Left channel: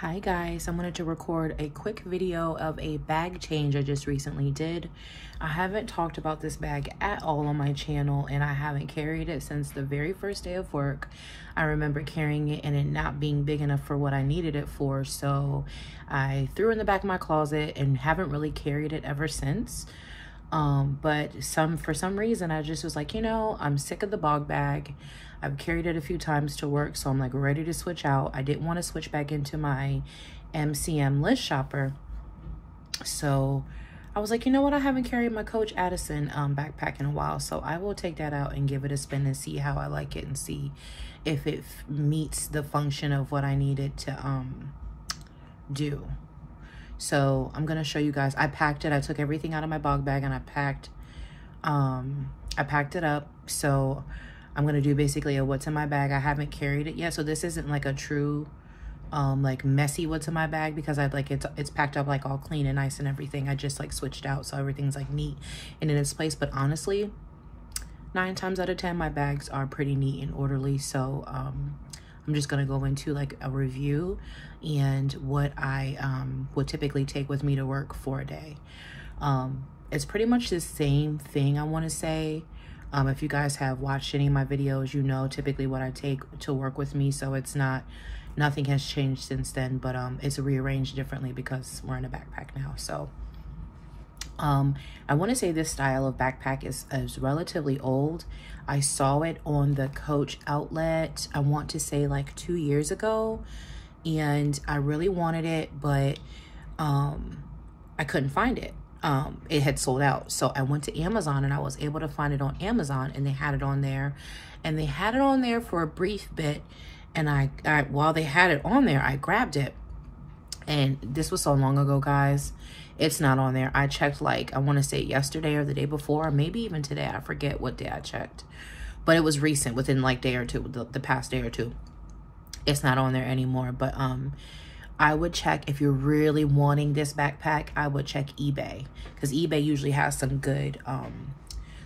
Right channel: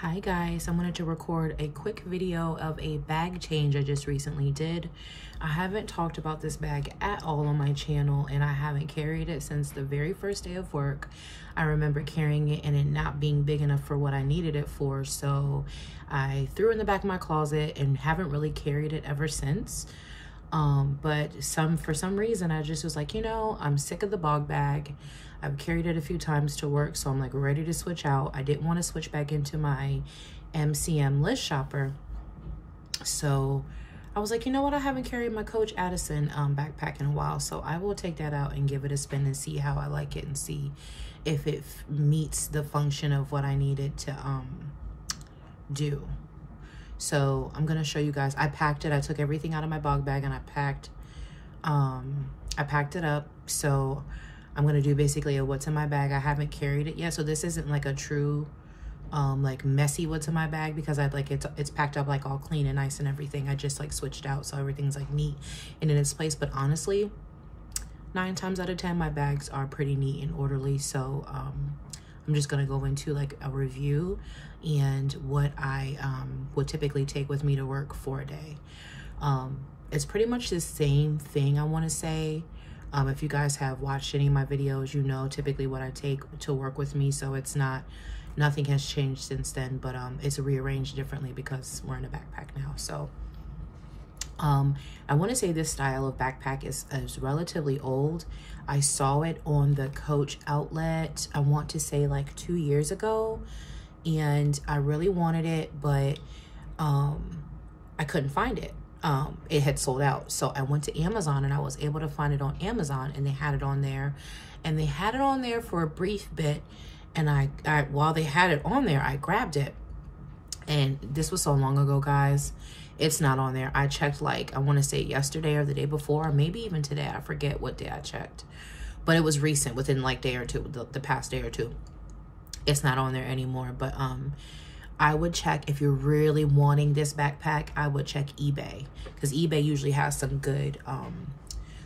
Hi guys, I wanted to record a quick video of a bag change I just recently did. I haven't talked about this bag at all on my channel, and I haven't carried it since the very first day of work. I remember carrying it and it not being big enough for what I needed it for, so I threw it in the back of my closet and haven't really carried it ever since. But for some reason I just was like, you know, I'm sick of the bog bag. I've carried it a few times to work, so I'm like ready to switch out. I didn't want to switch back into my MCM list shopper. So I was like, you know what? I haven't carried my Coach Addison backpack in a while, so I will take that out and give it a spin and see how I like it and see if it meets the function of what I need it to do. So I'm gonna show you guys. I packed it. I took everything out of my bog bag and I packed it up. So I'm gonna do basically a what's in my bag. I haven't carried it yet, so this isn't like a true like messy what's in my bag, because I like it's packed up like all clean and nice and everything. I just like switched out so everything's like neat and in its place. But honestly, 9 times out of 10 my bags are pretty neat and orderly. So I'm just gonna go into like a review and what I would typically take with me to work for a day. It's pretty much the same thing, I want to say. If you guys have watched any of my videos, you know typically what I take to work with me, so it's nothing has changed since then, but it's rearranged differently because we're in a backpack now. So I want to say this style of backpack is relatively old. I saw it on the Coach outlet, I want to say like 2 years ago, and I really wanted it, but I couldn't find it. It had sold out. So I went to Amazon and I was able to find it on Amazon, and they had it on there, and they had it on there for a brief bit. And while they had it on there, I grabbed it, and this was so long ago, guys. It's not on there. I checked like, I want to say yesterday or the day before, maybe even today. I forget what day I checked, but it was recent, within like day or two, the past day or two. It's not on there anymore. But I would check, if you're really wanting this backpack, I would check eBay, because eBay usually has some good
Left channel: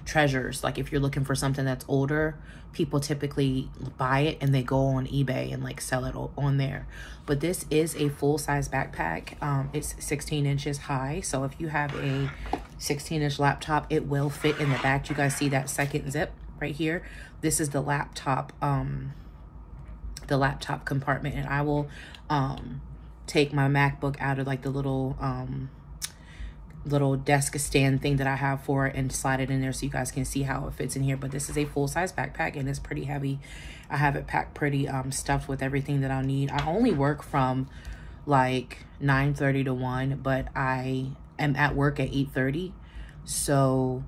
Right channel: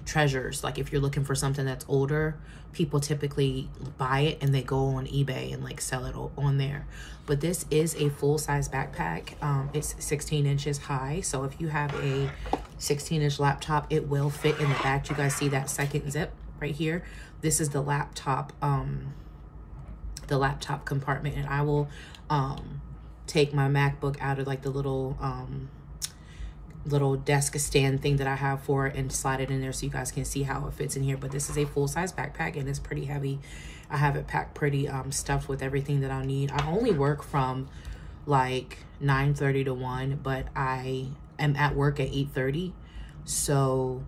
treasures. Like if you're looking for something that's older, people typically buy it and they go on eBay and like sell it on there. But this is a full-size backpack. It's 16 inches high, so if you have a 16-inch laptop, it will fit in the back. You guys see that second zip right here? This is the laptop compartment, and I will take my MacBook out of like the little desk stand thing that I have for it and slide it in there so you guys can see how it fits in here. But this is a full-size backpack and it's pretty heavy. I have it packed pretty stuffed with everything that I'll need. I only work from like 9:30 to 1, but I am at work at 8:30. So,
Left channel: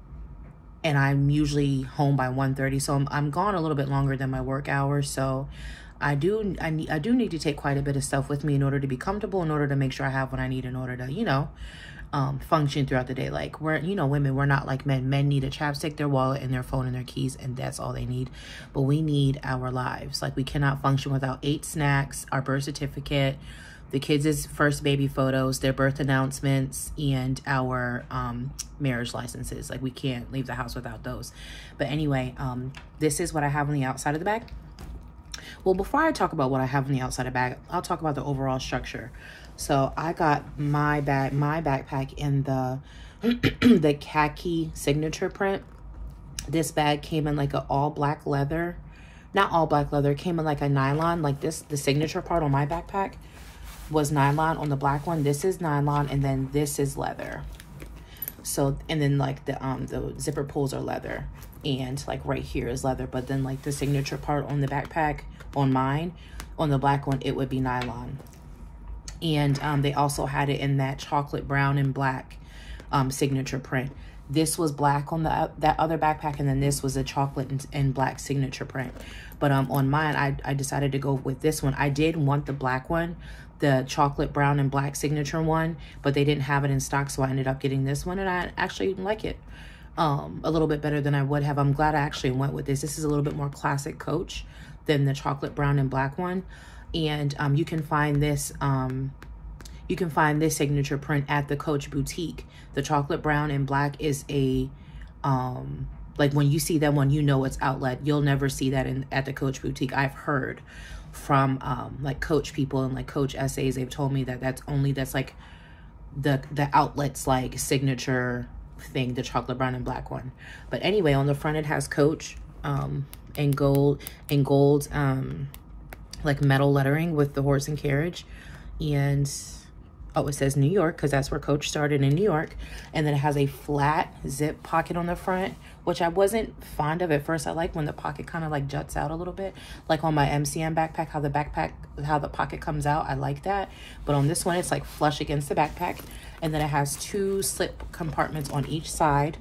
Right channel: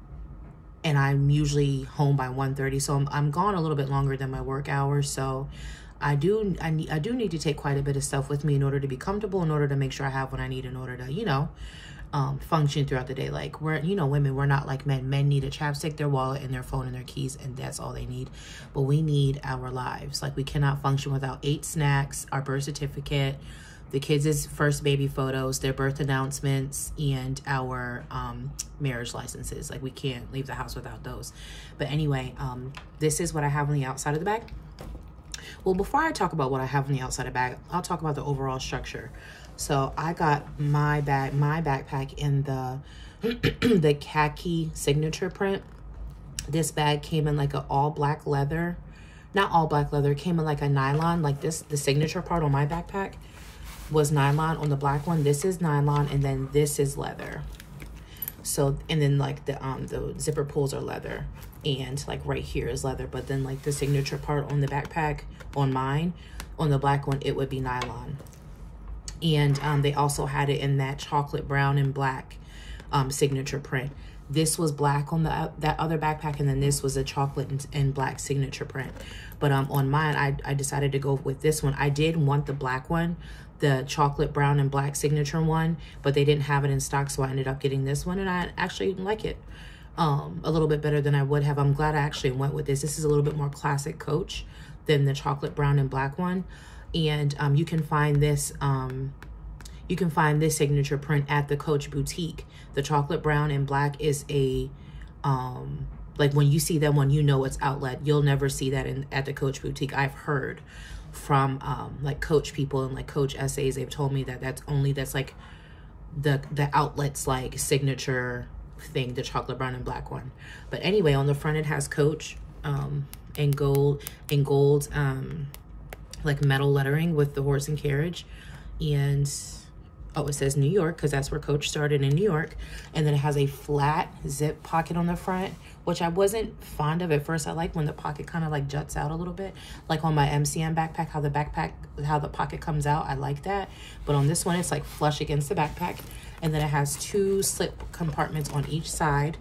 and I'm usually home by 1:30. So I'm gone a little bit longer than my work hours. So I do need to take quite a bit of stuff with me in order to be comfortable, in order to make sure I have what I need in order to, you know, function throughout the day. Like, we're, you know, women, we're not like men. Men need a chapstick, their wallet, and their phone and their keys, and that's all they need. But we need our lives. Like, we cannot function without 8 snacks, our birth certificate, the kids' first baby photos, their birth announcements, and our marriage licenses. Like, we can't leave the house without those. But anyway, this is what I have on the outside of the bag. Well, before I talk about what I have on the outside of the bag, I'll talk about the overall structure. So I got my backpack in the the khaki signature print. This bag came in like an all black leather, not all black leather, it came in like a nylon. Like this, the signature part on my backpack was nylon. On the black one, this is nylon, and then this is leather. So, and then like the zipper pulls are leather, and like right here is leather. But then like the signature part on the backpack, on mine, on the black one, it would be nylon. And they also had it in that chocolate brown and black signature print. This was black on that other backpack, and then this was a chocolate and black signature print. But on mine, I decided to go with this one. I did want the black one, the chocolate brown and black signature one, but they didn't have it in stock, so I ended up getting this one, and I actually like it a little bit better than I would have. I'm glad I actually went with this. This is a little bit more classic Coach than the chocolate brown and black one. And you can find this signature print at the Coach boutique. The chocolate brown and black is a like when you see that one, you know it's outlet. You'll never see that at the Coach boutique, I've heard. from like Coach people and like Coach essays. They've told me that that's like the outlet's like signature thing, the chocolate brown and black one. But anyway, on the front it has Coach in gold like metal lettering with the horse and carriage. And oh, it says New York because that's where Coach started, in New York. And then it has a flat zip pocket on the front, which I wasn't fond of at first. I like when the pocket kind of like juts out a little bit, like on my MCM backpack, how the pocket comes out. I like that. But on this one, it's like flush against the backpack. And then it has 2 slip compartments on each side.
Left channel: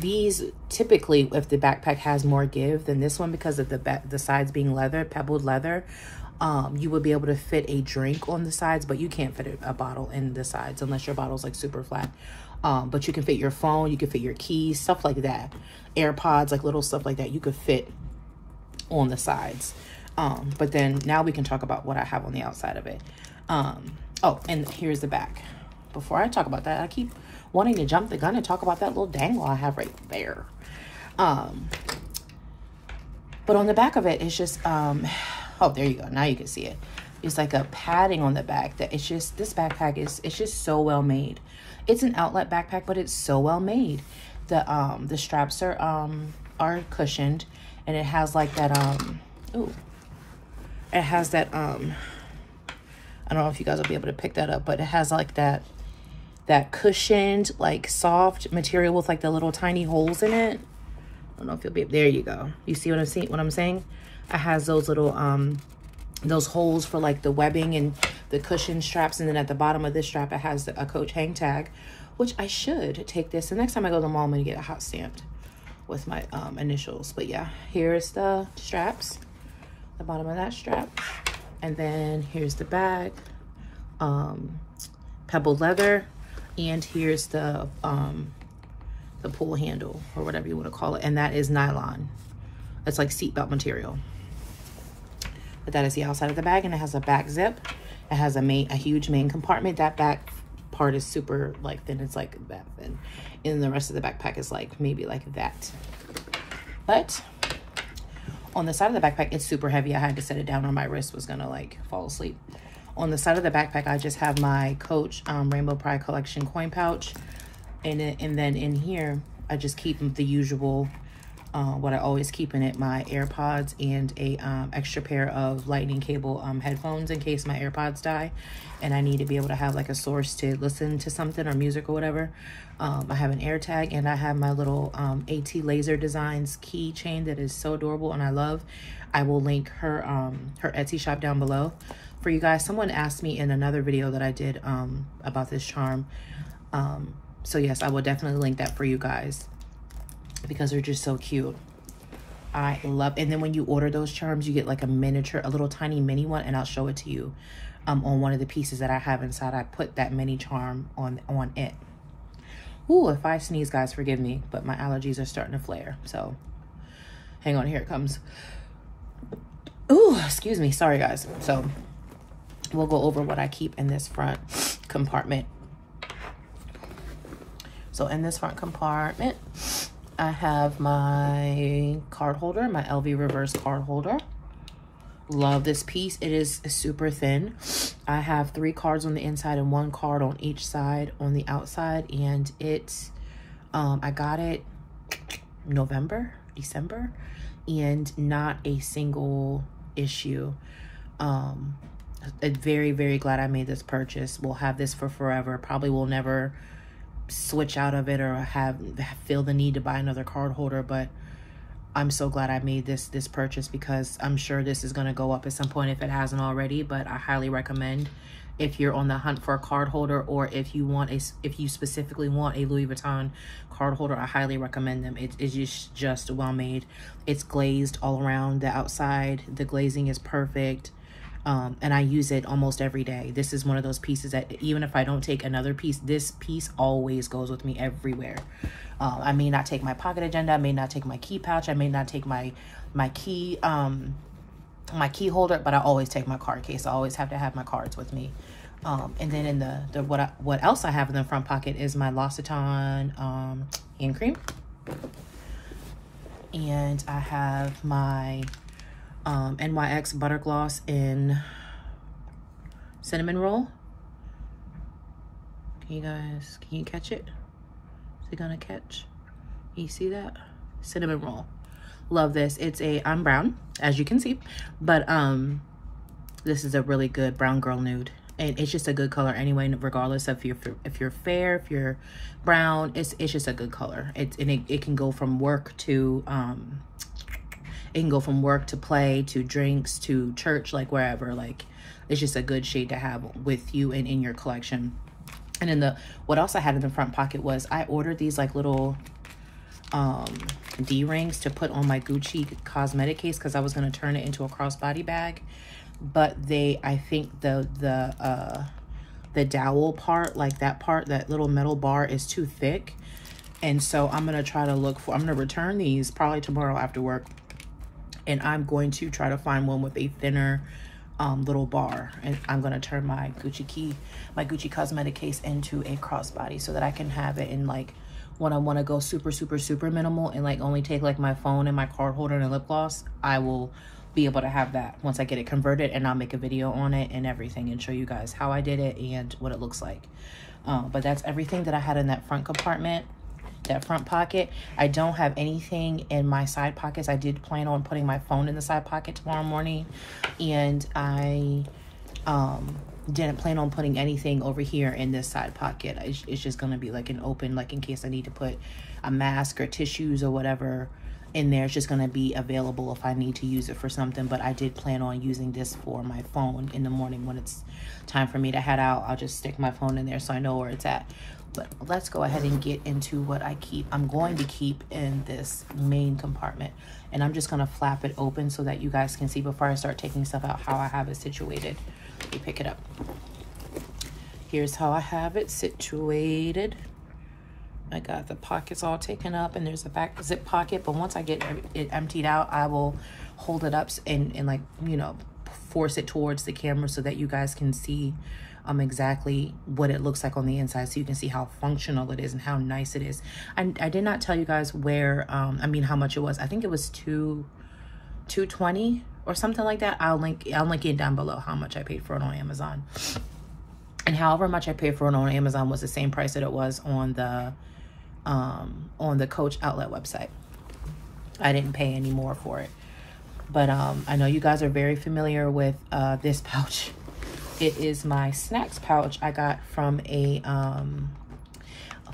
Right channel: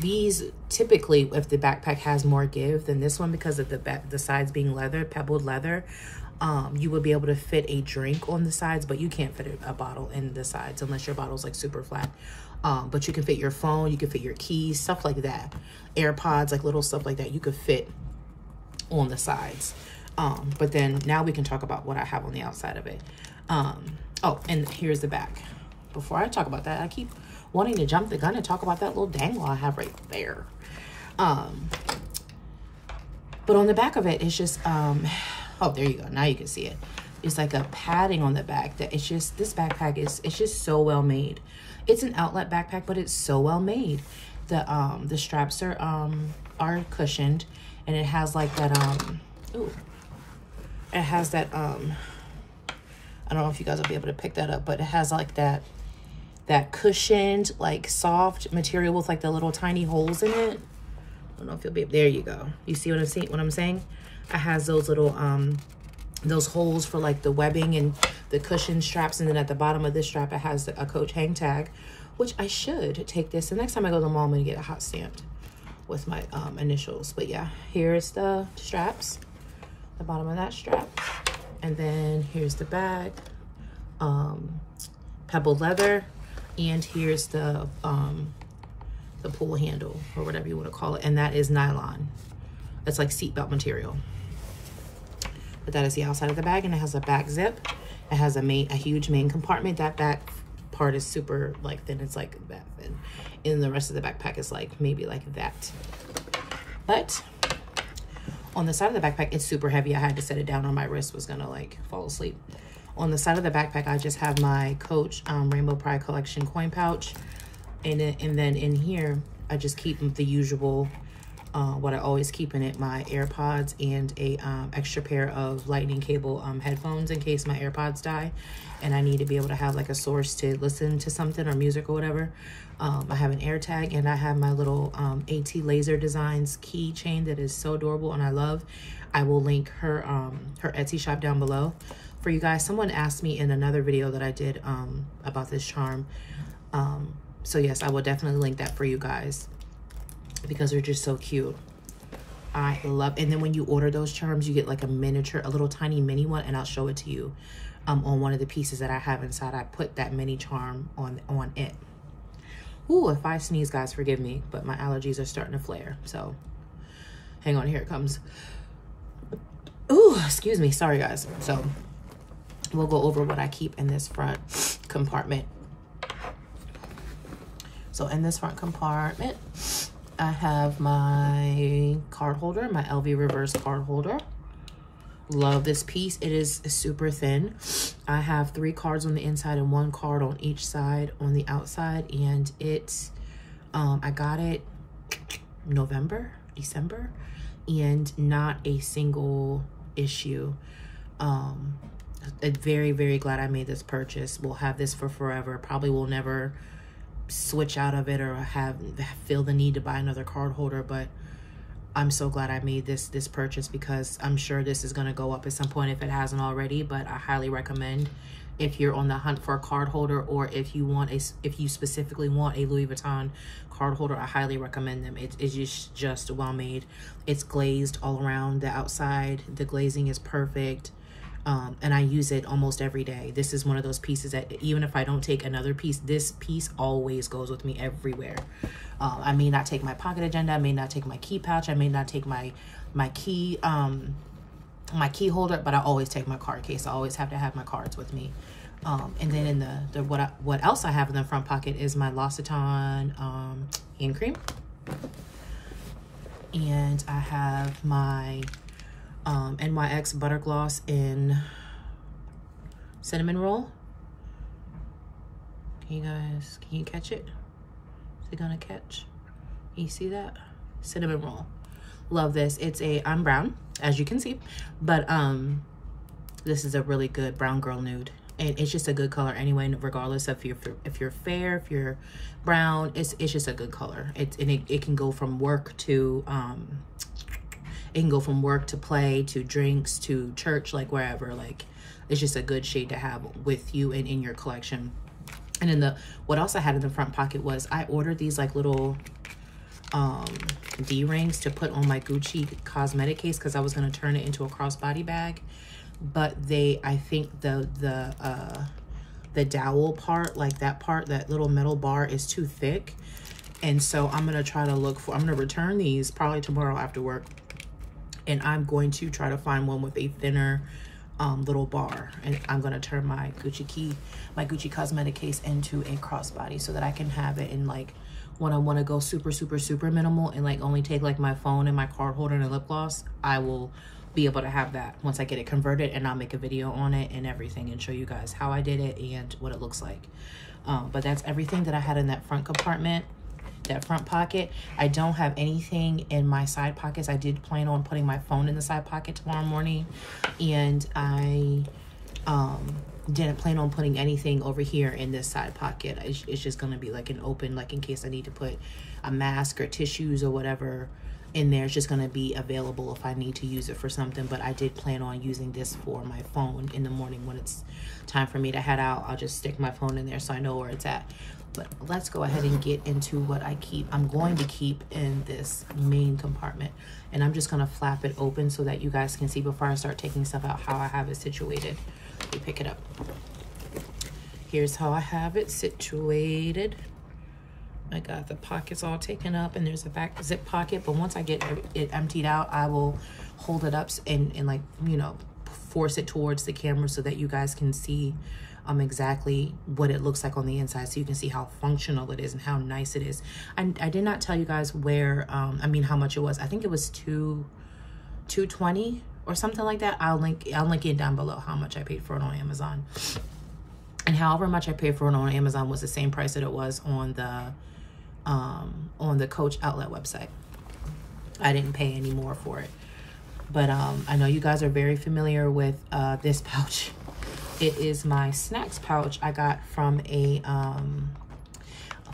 These typically, if the backpack has more give than this one, because of the sides being leather, pebbled leather, you would be able to fit a drink on the sides, but you can't fit a bottle in the sides unless your bottle's like super flat. But you can fit your phone, you can fit your keys, stuff like that. AirPods, like little stuff like that, you could fit on the sides. But then now we can talk about what I have on the outside of it. Oh, and here's the back. Before I talk about that, I keep wanting to jump the gun and talk about that little dangle I have right there. But on the back of it, it's just, oh, there you go. Now you can see it. It's like a padding on the back that it's just, this backpack it's just so well made. It's an outlet backpack, but it's so well made. The straps are cushioned, and it has like that, ooh, it has that, I don't know if you guys will be able to pick that up, but it has like that cushioned, like soft material with like the little tiny holes in it. I don't know if you'll be, there you go. You see what I'm saying? It has those little, those holes for like the webbing and the cushion straps. And then at the bottom of this strap, it has a Coach hang tag, which I should take this. The next time I go to the mall, I'm gonna get a hot stamped with my initials. But yeah, here's the straps, the bottom of that strap. And then here's the bag, pebbled leather. And here's the pull handle, or whatever you want to call it. And that is nylon. It's like seatbelt material. But that is the outside of the bag, and it has a back zip. It has a huge main compartment. That back part is super like thin. It's like that thin. And the rest of the backpack is like maybe like that. But on the side of the backpack, it's super heavy. I had to set it down or my wrist was gonna like fall asleep. On the side of the backpack, I just have my Coach Rainbow Pride Collection coin pouch. And then in here, I just keep the usual, what I always keep in it, my AirPods and a extra pair of lightning cable headphones in case my AirPods die and I need to be able to have like a source to listen to something or music or whatever. I have an air tag, and I have my little AT Laser Designs keychain that is so adorable and I love. I will link her Etsy shop down below for you guys. Someone asked me in another video that I did about this charm. So yes, I will definitely link that for you guys because they're just so cute. I love, and then when you order those charms, you get like a miniature, a little tiny mini one, and I'll show it to you on one of the pieces that I have inside. I put that mini charm on it. Ooh, if I sneeze, guys, forgive me, but my allergies are starting to flare. So hang on, here it comes. Ooh, excuse me, sorry guys. So we'll go over what I keep in this front compartment. So in this front compartment, I have my card holder, my LV reverse card holder. Love this piece. It is super thin. I have 3 cards on the inside and 1 card on each side on the outside. And it's, I got it December, and not a single issue. I'm very, very glad I made this purchase. We'll have this for forever. Probably will never switch out of it or feel the need to buy another card holder, but I'm so glad I made this purchase because I'm sure this is going to go up at some point if it hasn't already. But I highly recommend, if you're on the hunt for a card holder, or if you specifically want a Louis Vuitton card holder, I highly recommend them. It's just well made. It's glazed all around the outside. The glazing is perfect. And I use it almost every day. This is one of those pieces that even if I don't take another piece, this piece always goes with me everywhere. I may not take my pocket agenda, I may not take my key pouch, I may not take my key holder, but I always take my card case. I always have to have my cards with me. And then in what else I have in the front pocket is my L'Occitane hand cream. And I have my NYX Butter Gloss in Cinnamon Roll. Can you catch it? Is it gonna catch? Can you see that? Cinnamon Roll. Love this. I'm brown, as you can see, but this is a really good brown girl nude, and it's just a good color anyway, regardless of if you're fair, if you're brown. It's just a good color. It can go from work to play to drinks to church, like wherever. Like, it's just a good shade to have with you and in your collection. And then what else I had in the front pocket was I ordered these like little D-rings to put on my Gucci cosmetic case, because I was going to turn it into a crossbody bag, but I think the dowel part, like that little metal bar, is too thick, and so I'm going to try to I'm going to return these probably tomorrow after work, and I'm going to try to find one with a thinner little bar, and I'm going to turn my Gucci cosmetic case into a crossbody so that I can have it in, like, when I want to go super, super, super minimal and like only take like my phone and my card holder and a lip gloss, I will be able to have that once I get it converted, and I'll make a video on it and everything and show you guys how I did it and what it looks like. But that's everything that I had in that front compartment, that front pocket. I don't have anything in my side pockets. I did plan on putting my phone in the side pocket tomorrow morning, and I didn't plan on putting anything over here in this side pocket. It's just going to be like an open, like in case I need to put a mask or tissues or whatever in there. It's just going to be available if I need to use it for something. But I did plan on using this for my phone in the morning when it's time for me to head out. I'll just stick my phone in there so I know where it's at. But let's go ahead and get into what I'm going to keep in this main compartment. And I'm just going to flap it open so that you guys can see before I start taking stuff out how I have it situated. Let me pick it up. Here's how I have it situated. I got the pockets all taken up, and there's a back zip pocket, but once I get it emptied out, I will hold it up and like, you know, force it towards the camera so that you guys can see exactly what it looks like on the inside, so you can see how functional it is and how nice it is. I did not tell you guys where how much it was. I think it was $220 or something like that. I'll link it down below how much I paid for it on Amazon. And however much I paid for it on Amazon was the same price that it was on the Coach outlet website. I didn't pay any more for it. But I know you guys are very familiar with this pouch. It is my snacks pouch I got from an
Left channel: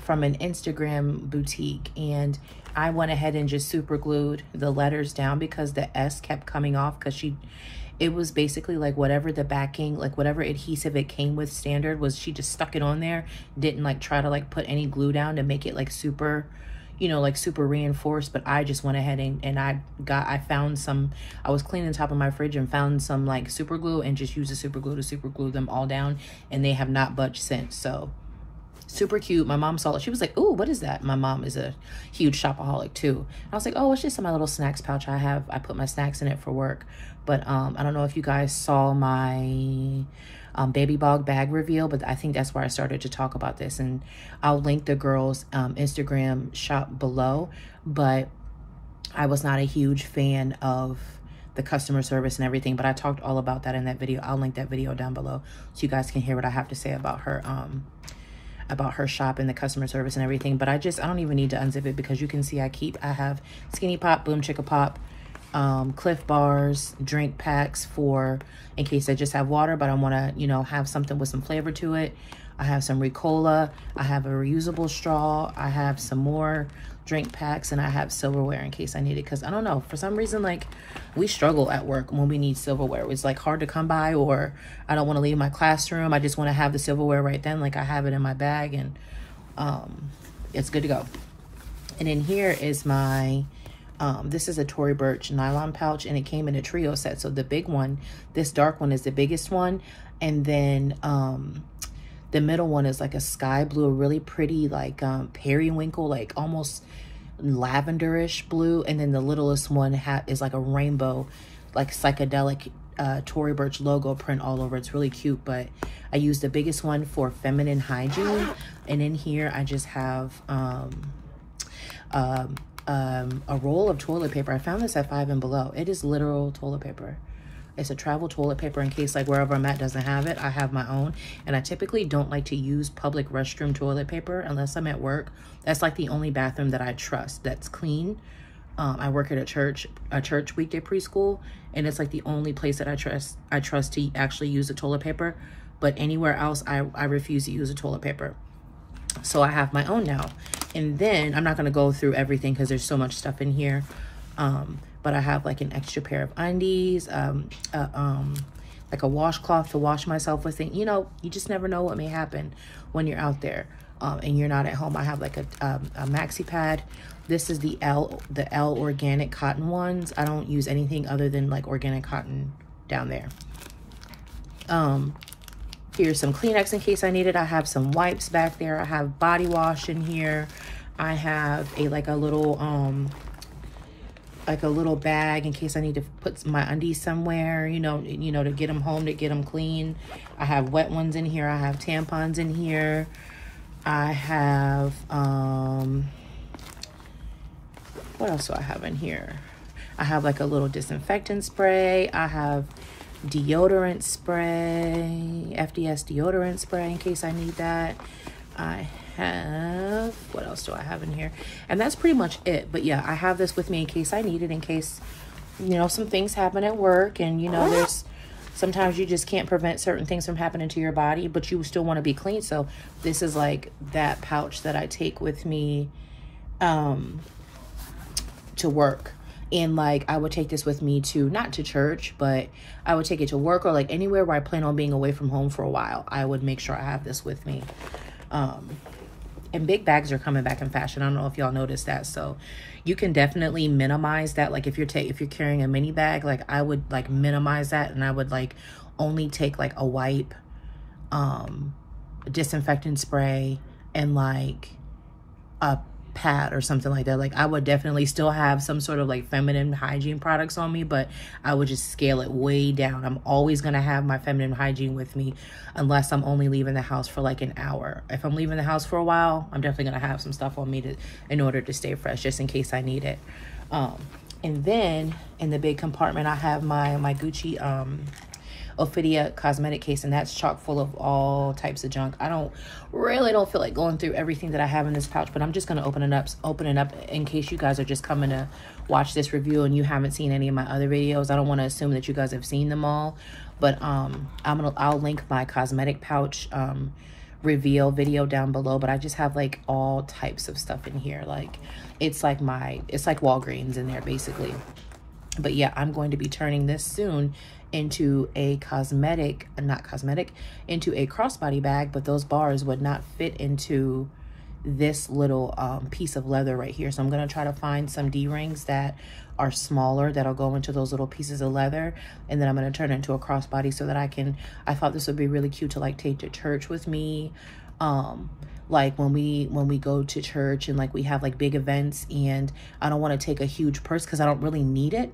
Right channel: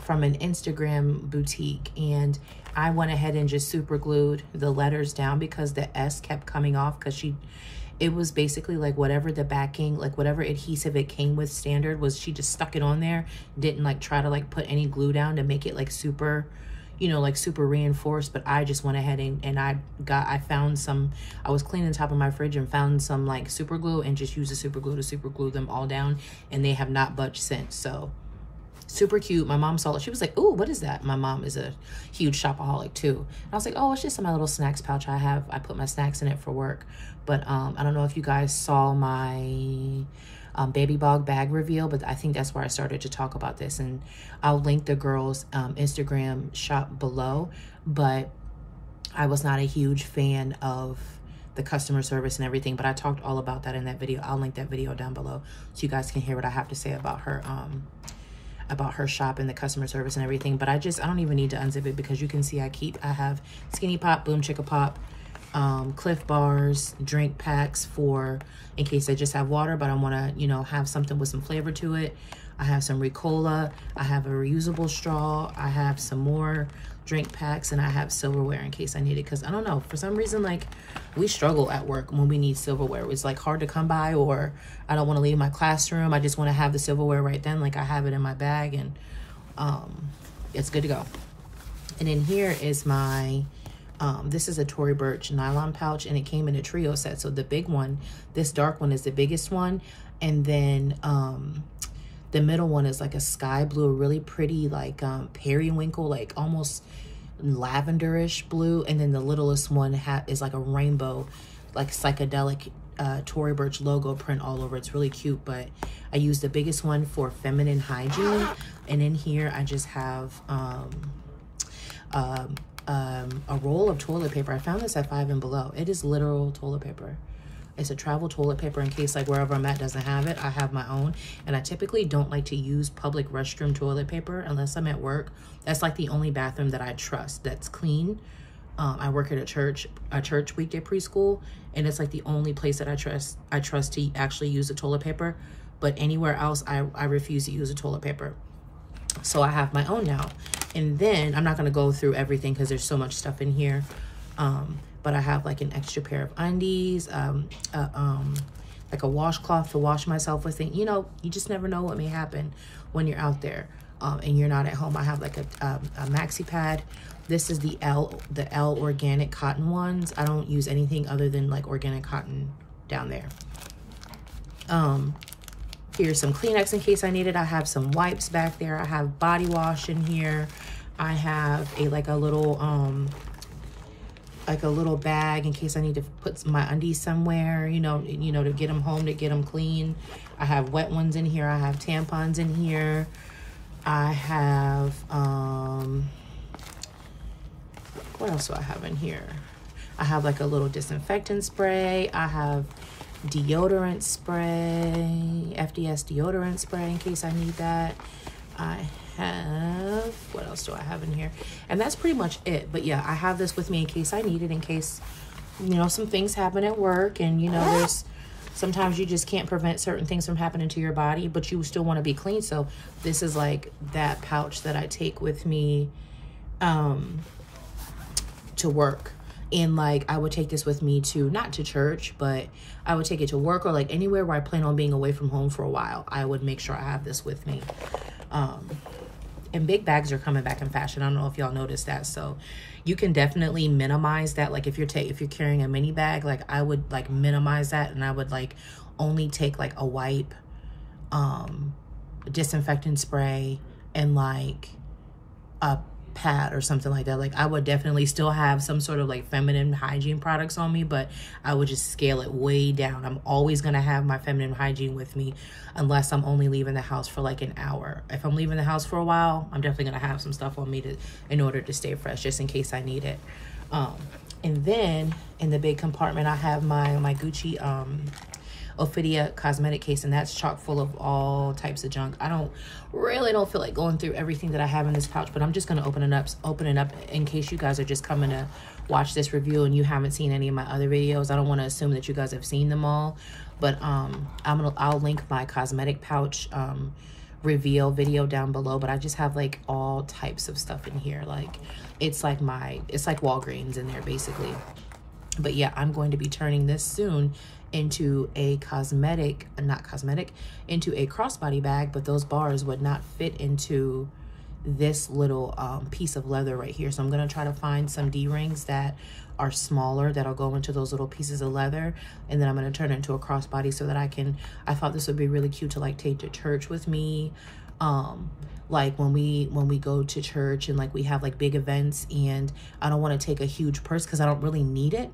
Instagram boutique, and I went ahead and just super glued the letters down because the S kept coming off, because it was basically like whatever the backing, like whatever adhesive it came with standard was, she just stuck it on there, didn't like try to like put any glue down to make it like super, you know, like super reinforced. But I just went ahead and I found some, I was cleaning the top of my fridge and found some like super glue and just used the super glue to super glue them all down, and they have not budged since. So super cute. My mom saw it. She was like, "Ooh, what is that?" My mom is a huge shopaholic too. I was like, "Oh, it's just my little snacks pouch I have. I put my snacks in it for work." But I don't know if you guys saw my baby bog bag reveal, but I think that's where I started to talk about this, and I'll link the girls' Instagram shop below. But I was not a huge fan of the customer service and everything, but I talked all about that in that video. I'll link that video down below so you guys can hear what I have to say about her shop and the customer service and everything. But I don't even need to unzip it, because you can see I have Skinny Pop, Boom Chicka Pop, Cliff Bars, drink packs for in case I just have water, but I want to, you know, have something with some flavor to it. I have some Ricola, I have a reusable straw, I have some more drink packs, and I have silverware in case I need it, because I don't know, for some reason, like, we struggle at work when we need silverware. It's like hard to come by, or I don't want to leave my classroom. I just want to have the silverware right then, like I have it in my bag, and it's good to go. And in here is my this is a Tory Burch nylon pouch, and it came in a trio set. So the big one, this dark one, is the biggest one, and then the middle one is like a sky blue, a really pretty like periwinkle, like almost lavenderish blue, and then the littlest one is like a rainbow, like psychedelic Tory Burch logo print all over. It's really cute, but I use the biggest one for feminine hygiene. And in here I just have a roll of toilet paper. I found this at 5 and Below. It is literal toilet paper. It's a travel toilet paper in case like wherever I'm at doesn't have it. I have my own. And I typically don't like to use public restroom toilet paper unless I'm at work. That's like the only bathroom that I trust that's clean. I work at a church weekday preschool, and it's like the only place that I trust to actually use the toilet paper. But anywhere else, I refuse to use the toilet paper. So I have my own now. And then I'm not going to go through everything because there's so much stuff in here. But I have like an extra pair of undies, like a washcloth to wash myself with. And, you know, you just never know what may happen when you're out there and you're not at home. I have like a maxi pad. This is the L organic cotton ones. I don't use anything other than like organic cotton down there. Here's some Kleenex in case I need it. I have some wipes back there. I have body wash in here. I have like a little bag in case I need to put my undies somewhere, you know, to get them home, to get them clean. I have wet ones in here. I have tampons in here. I have, what else do I have in here? I have like a little disinfectant spray. I have deodorant spray, FDS deodorant spray in case I need that. I have, what else do I have in here? And that's pretty much it. But yeah, I have this with me in case I need it, in case, you know, some things happen at work, and you know, there's sometimes you just can't prevent certain things from happening to your body, but you still want to be clean. So this is like that pouch that I take with me to work. And like I would take this with me to, not to church, but I would take it to work or like anywhere where I plan on being away from home for a while. I would make sure I have this with me. And big bags are coming back in fashion. I don't know if y'all noticed that. So you can definitely minimize that. Like if you're carrying a mini bag, like I would like minimize that, and I would like only take like a wipe, disinfectant spray, and like a pad or something like that. Like I would definitely still have some sort of like feminine hygiene products on me, but I would just scale it way down. I'm always going to have my feminine hygiene with me unless I'm only leaving the house for like an hour. If I'm leaving the house for a while, I'm definitely going to have some stuff on me in order to stay fresh, just in case I need it. And then in the big compartment, I have my Gucci Ophidia cosmetic case, and that's chock full of all types of junk. I don't feel like going through everything that I have in this pouch, but I'm just going to open it up in case you guys are just coming to watch this review and you haven't seen any of my other videos. I don't want to assume that you guys have seen them all, but I'll link my cosmetic pouch reveal video down below. But I just have like all types of stuff in here. Like it's like Walgreens in there basically. But yeah, I'm going to be turning this soon into a into a crossbody bag, but those bars would not fit into this little piece of leather right here. So I'm going to try to find some D-rings that are smaller that'll go into those little pieces of leather, and then I'm going to turn it into a crossbody so that I thought this would be really cute to like take to church with me. Like when we go to church and like we have like big events, and I don't want to take a huge purse because I don't really need it.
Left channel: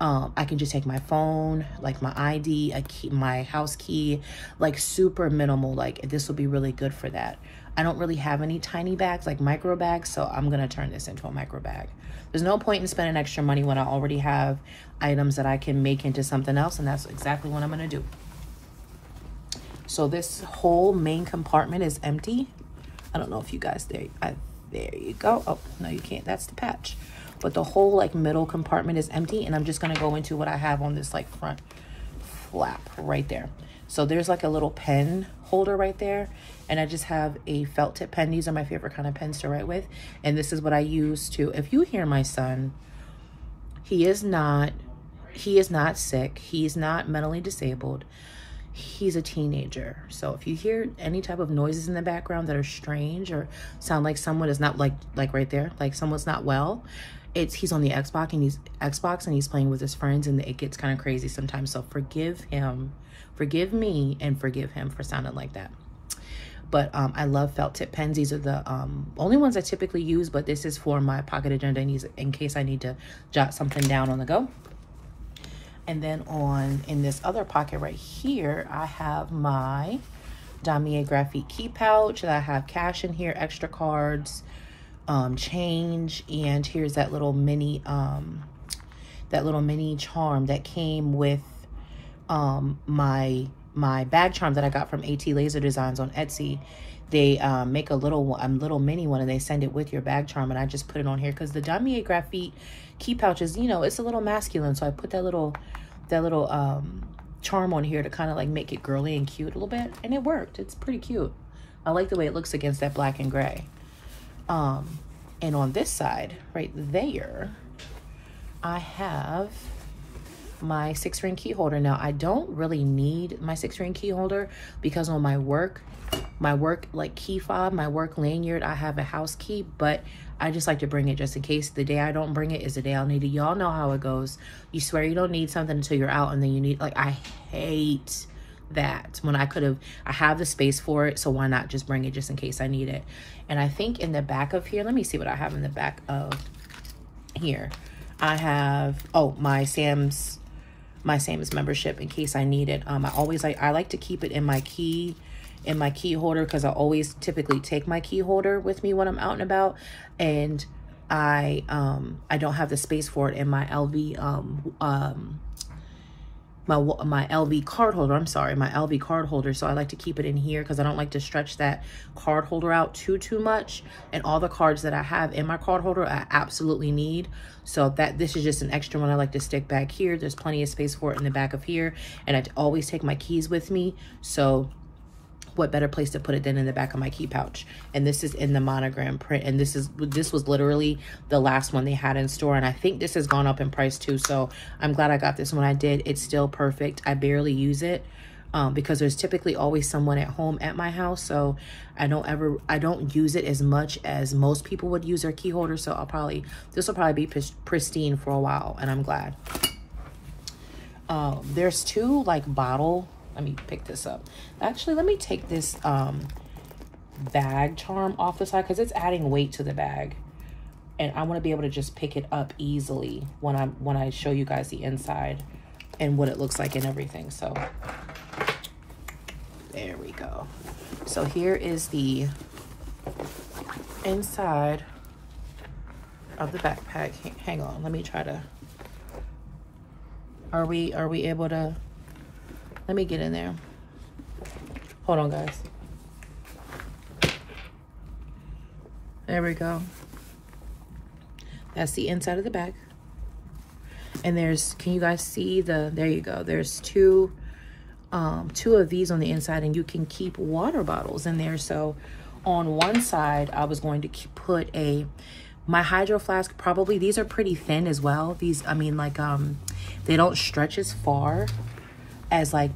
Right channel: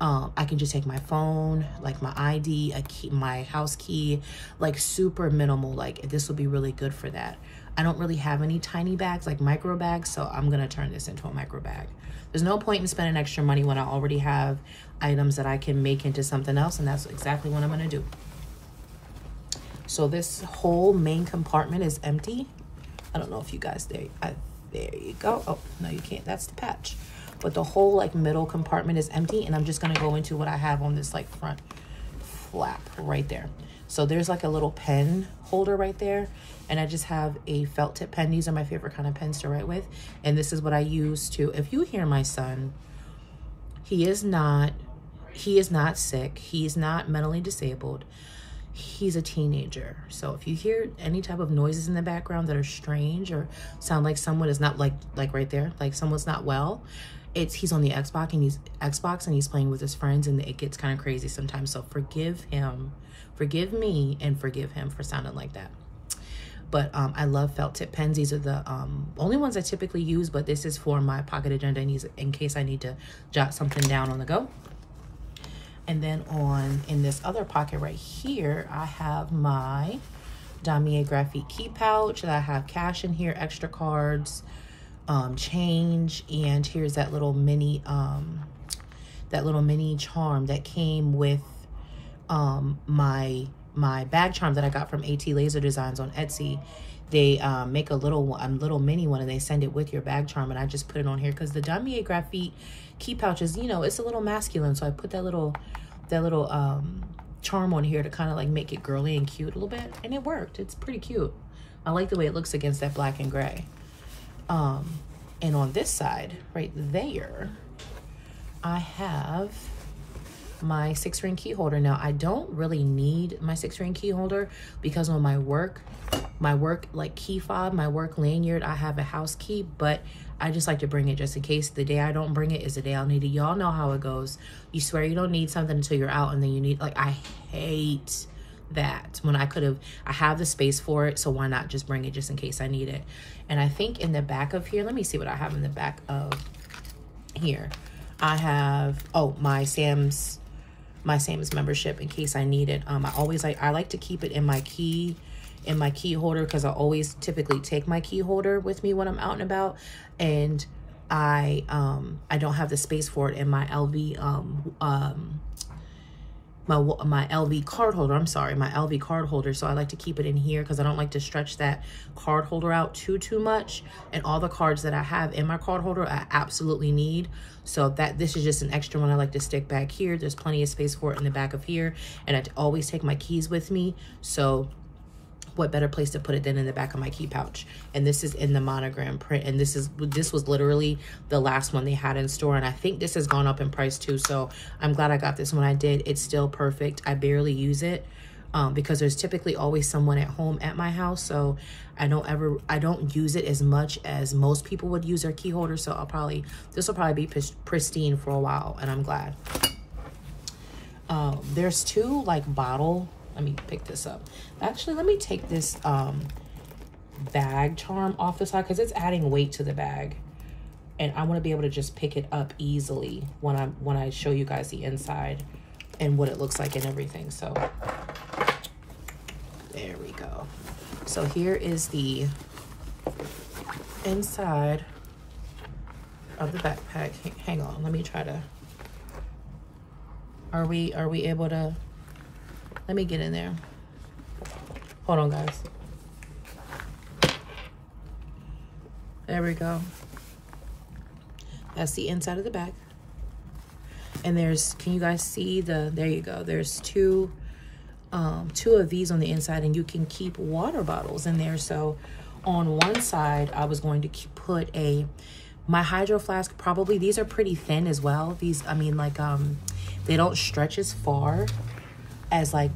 I can just take my phone, like my ID, a key, my house key, like super minimal. Like this will be really good for that. I don't really have any tiny bags, like micro bags, so I'm gonna turn this into a micro bag. There's no point in spending extra money when I already have items that I can make into something else, and that's exactly what I'm gonna do. So this whole main compartment is empty. I don't know if you guys, there you go. Oh, no, you can't, that's the patch. But the whole like middle compartment is empty, and I'm just gonna go into what I have on this like front flap right there. So there's like a little pen holder right there, and I just have a felt tip pen. These are my favorite kind of pens to write with, and this is what I use to, if you hear my son, he is not sick, he's not mentally disabled, he's a teenager. So if you hear any type of noises in the background that are strange or sound like someone is not like right there, like someone's not well, he's on the Xbox and he's playing with his friends, and it gets kind of crazy sometimes. So forgive me and forgive him for sounding like that. But I love felt tip pens. These are the only ones I typically use, but this is for my pocket agenda in case I need to jot something down on the go. And then in this other pocket right here, I have my Damier Graphite key pouch. I have cash in here, extra cards, change. And here's that little mini charm that came with my bag charm that I got from AT Laser Designs on Etsy. They make a little mini one, and they send it with your bag charm, and I just put it on here because the Damier Graphite key pouches, you know, it's a little masculine, so I put that little charm on here to kind of like make it girly and cute a little bit, and it worked. It's pretty cute. I like the way it looks against that black and gray. And on this side right there, I have my 6-ring key holder. Now, I don't really need my 6-ring key holder because on my work like key fob, my work lanyard, I have a house key, but I just like to bring it just in case. The day I don't bring it is the day I'll need it. Y'all know how it goes. You swear you don't need something until you're out, and then you need, like, I hate that when I have the space for it, so why not just bring it just in case I need it. And I think in the back of here, let me see what I have in the back of here. I have, oh, my Sam's membership in case I need it. I like to keep it in my key holder because I always typically take my key holder with me when I'm out and about, and I don't have the space for it in my LV my LV card holder. I'm sorry, my LV card holder. So I like to keep it in here because I don't like to stretch that card holder out too much. And all the cards that I have in my card holder I absolutely need. So this is just an extra one I like to stick back here. There's plenty of space for it in the back of here. And I always take my keys with me. So what better place to put it than in the back of my key pouch. And this is in the monogram print, and this was literally the last one they had in store, and I think this has gone up in price too, so I'm glad I got this when I did. It's still perfect. I barely use it because there's typically always someone at home at my house, so I don't use it as much as most people would use their key holder. So this will probably be pristine for a while, and I'm glad. There's two like bottle. Let me pick this up. Actually, let me take this bag charm off the side because it's adding weight to the bag, and I want to be able to just pick it up easily when I show you guys the inside and what it looks like and everything. So there we go. So here is the inside of the backpack. Hang on, let me try to. Are we able to? Let me get in there. Hold on, guys. There we go. That's the inside of the bag. And can you guys see there you go. There's two of these on the inside, and you can keep water bottles in there. So on one side, I was going to put my hydro flask, probably, these are pretty thin as well. These, I mean, like, they don't stretch as far as like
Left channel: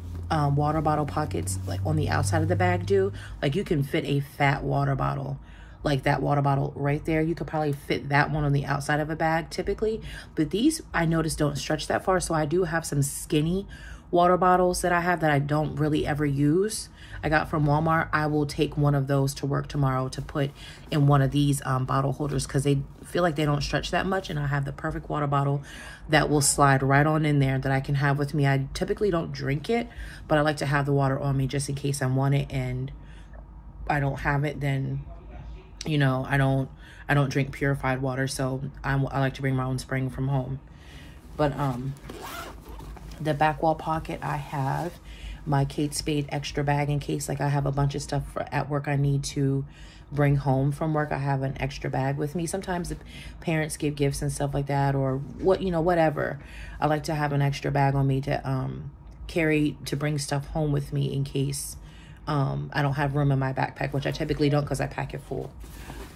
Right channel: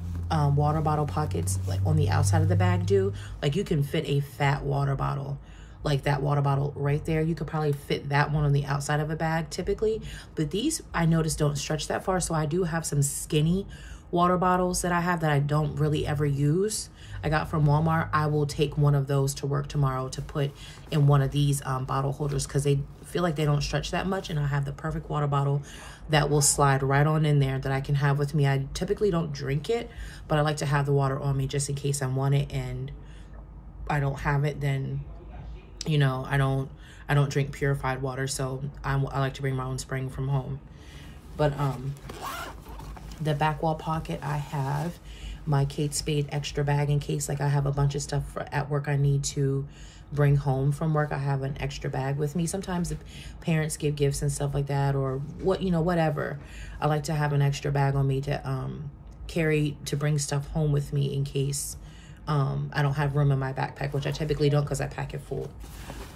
water bottle pockets like on the outside of the bag do. Like you can fit a fat water bottle, like that water bottle right there. You could probably fit that one on the outside of a bag typically, but these I noticed don't stretch that far. So I do have some skinny water bottles that I have that I don't really ever use. I got from Walmart. I will take one of those to work tomorrow to put in one of these bottle holders because they feel like they don't stretch that much, and I have the perfect water bottle that will slide right on in there that I can have with me. I typically don't drink it, but I like to have the water on me just in case I want it, and I don't have it, then, you know, I don't drink purified water, so I like to bring my own spring from home. But the back wall pocket, I have my Kate Spade extra bag in case like I have a bunch of stuff at work I need to bring home from work. I have an extra bag with me. Sometimes if parents give gifts and stuff like that, or what, you know, whatever, I like to have an extra bag on me to carry to bring stuff home with me in case I don't have room in my backpack, which I typically don't because I pack it full.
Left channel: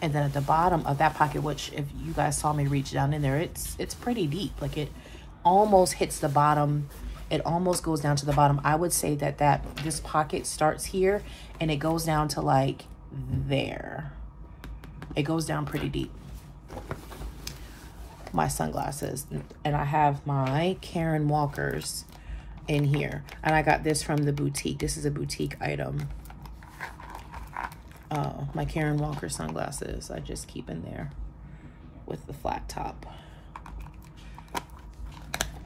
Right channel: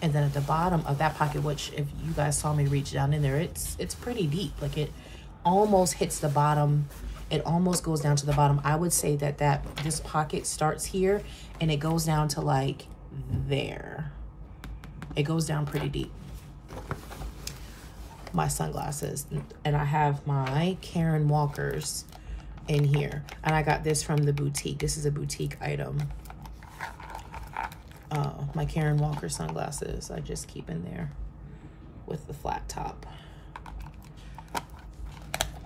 And then at the bottom of that pocket, which if you guys saw me reach down in there, it's pretty deep. Like it almost hits the bottom. It almost goes down to the bottom. I would say that this pocket starts here and it goes down to like there. It goes down pretty deep. My sunglasses, and I have my Karen Walkers in here, and I got this from the boutique. This is a boutique item. My Karen Walker sunglasses I just keep in there with the flat top.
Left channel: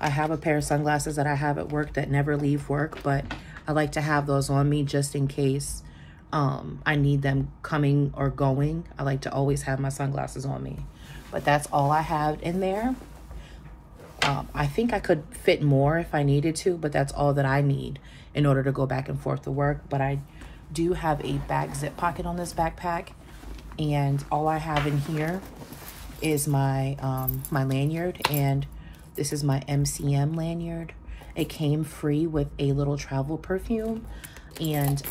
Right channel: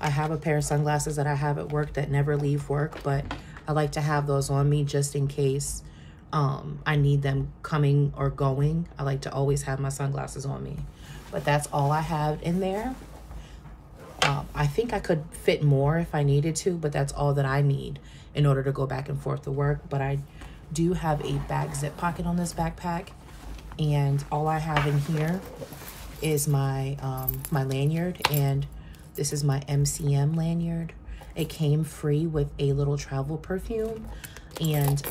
I have a pair of sunglasses that I have at work that never leave work, but I like to have those on me just in case I need them coming or going. I like to always have my sunglasses on me. But that's all I have in there. I think I could fit more if I needed to, but that's all that I need in order to go back and forth to work. But I do have a back zip pocket on this backpack, and all I have in here is my my lanyard, and this is my MCM lanyard. It came free with a little travel perfume, and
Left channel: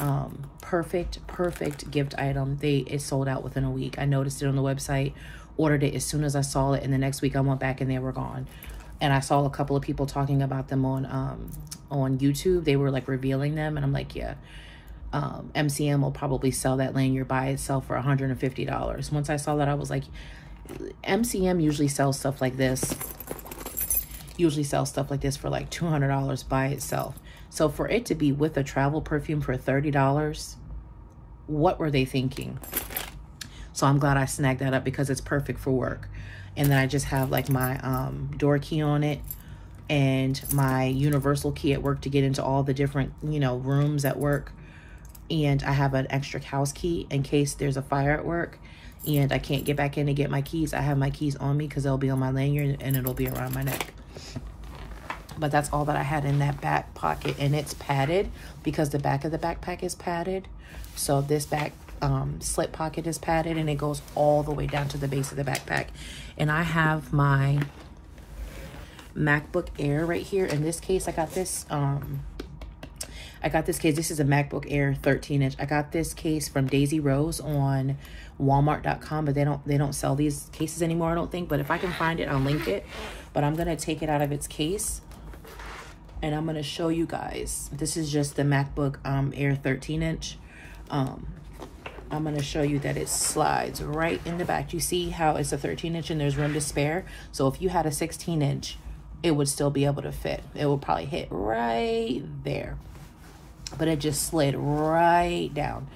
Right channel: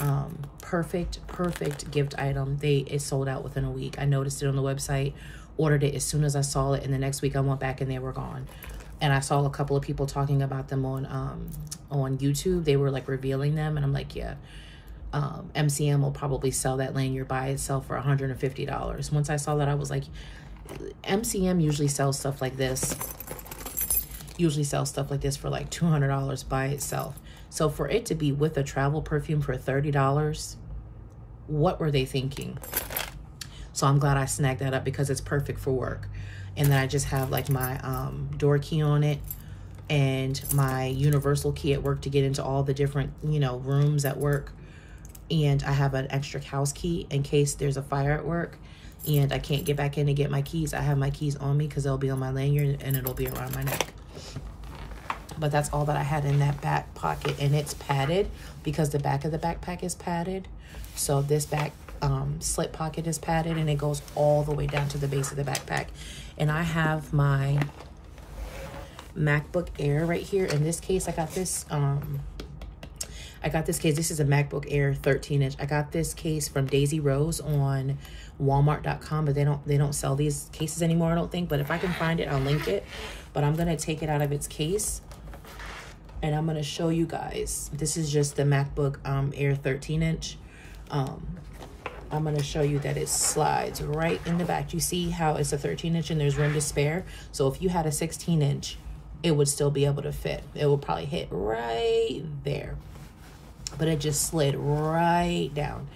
perfect gift item. It sold out within a week. I noticed it on the website, ordered it as soon as I saw it, and the next week I went back and they were gone. And I saw a couple of people talking about them on YouTube. They were like revealing them, and I'm like, yeah, MCM will probably sell that lanyard by itself for $150. Once I saw that, I was like, MCM usually sells stuff like this. For like $200 by itself. So for it to be with a travel perfume for $30, what were they thinking? So I'm glad I snagged that up because it's perfect for work. And then I just have like my door key on it and my universal key at work to get into all the different, you know, rooms at work. And I have an extra house key in case there's a fire at work and I can't get back in to get my keys. I have my keys on me because they'll be on my lanyard and it'll be around my neck. But that's all that I had in that back pocket, and it's padded because the back of the backpack is padded. So this back slip pocket is padded, and it goes all the way down to the base of the backpack. And I have my MacBook Air right here. In this case, I got this case. This is a MacBook Air 13-inch. I got this case from Daisy Rose on Walmart.com, but they don't sell these cases anymore, I don't think. But if I can find it, I'll link it. But I'm gonna take it out of its case, and I'm gonna show you guys. This is just the MacBook Air 13-inch. I'm gonna show you that it slides right in the back. You see how it's a 13-inch and there's room to spare. So if you had a 16-inch, it would still be able to fit. It would probably hit right there. But it just slid right down.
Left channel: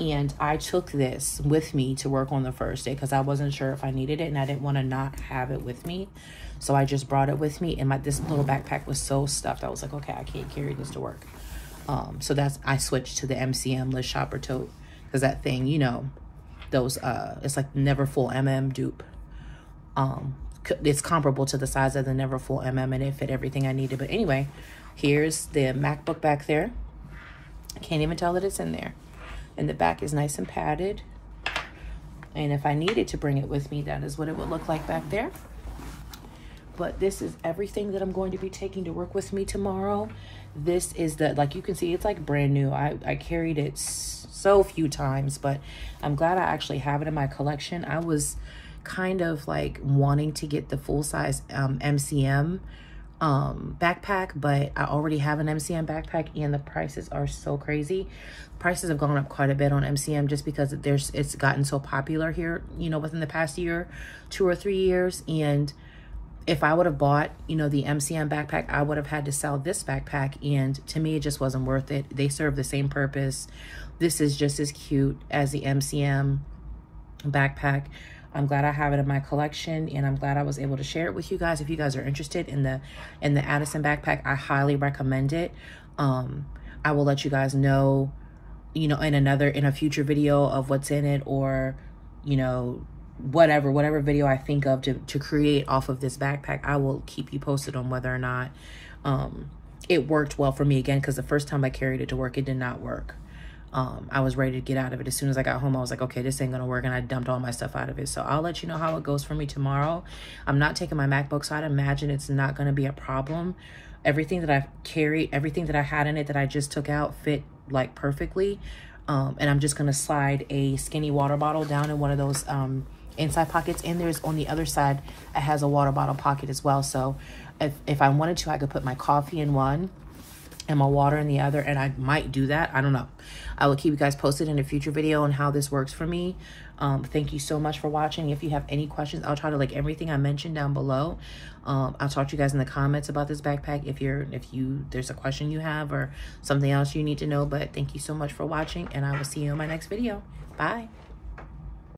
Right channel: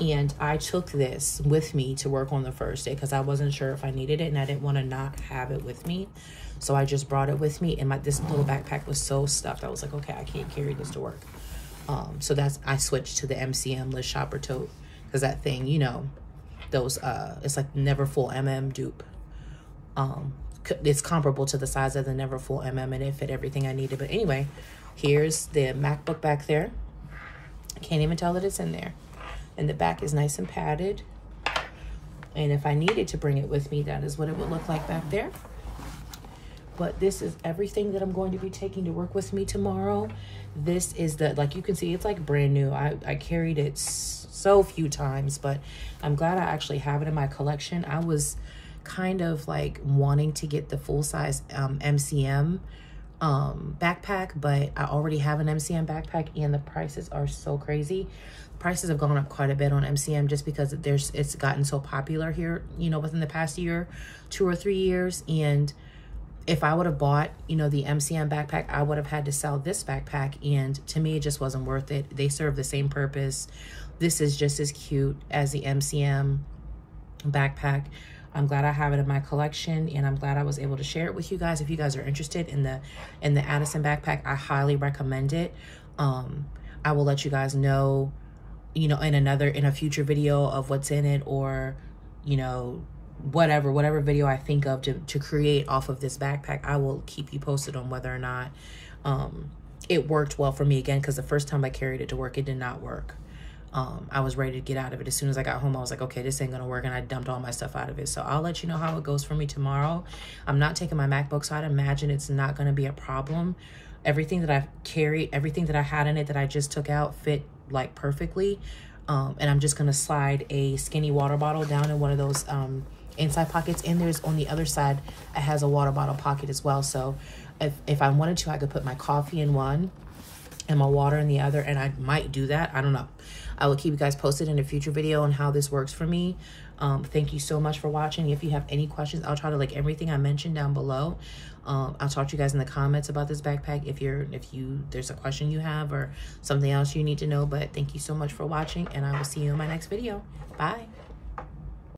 And I took this with me to work on the first day because I wasn't sure if I needed it and I didn't want to not have it with me. So I just brought it with me, and this little backpack was so stuffed. I was like, okay, I can't carry this to work. So I switched to the MCM Liz Shopper tote because that thing, you know, those, it's like Never Full MM dupe. It's comparable to the size of the Never Full MM, and it fit everything I needed. But anyway, here's the MacBook back there. Can't even tell that it's in there. And the back is nice and padded. And if I needed to bring it with me, that is what it would look like back there. But this is everything that I'm going to be taking to work with me tomorrow. This is like you can see, it's like brand new. I carried it so few times, but I'm glad I actually have it in my collection. I was kind of like wanting to get the full-size MCM backpack, but I already have an MCM backpack and the prices are so crazy. Prices have gone up quite a bit on MCM just because it's gotten so popular here, you know, within the past year, 2 or 3 years. And if I would have bought, you know, the MCM backpack, I would have had to sell this backpack. And to me, it just wasn't worth it. They serve the same purpose. This is just as cute as the MCM backpack. I'm glad I have it in my collection, and I'm glad I was able to share it with you guys. If you guys are interested in the Addison backpack, I highly recommend it. I will let you guys know, you know, in a future video of what's in it, or, you know, whatever video I think of to create off of this backpack. I will keep you posted on whether or not it worked well for me again, because the first time I carried it to work, it did not work. I was ready to get out of it. As soon as I got home, I was like, okay, this ain't gonna work, and I dumped all my stuff out of it. So I'll let you know how it goes for me tomorrow. I'm not taking my MacBook, so I'd imagine it's not gonna be a problem. Everything that I carried, everything that I had in it that I just took out fit like perfectly. And I'm just gonna slide a skinny water bottle down in one of those inside pockets, and there's on the other side, it has a water bottle pocket as well. So if I wanted to, I could put my coffee in one and my water in the other, and I might do that. I don't know. I will keep you guys posted in a future video on how this works for me. Thank you so much for watching. If you have any questions, I'll try to link everything I mentioned down below. I'll talk to you guys in the comments about this backpack if there's a question you have or something else you need to know. But thank you so much for watching, and I will see you in my next video. Bye.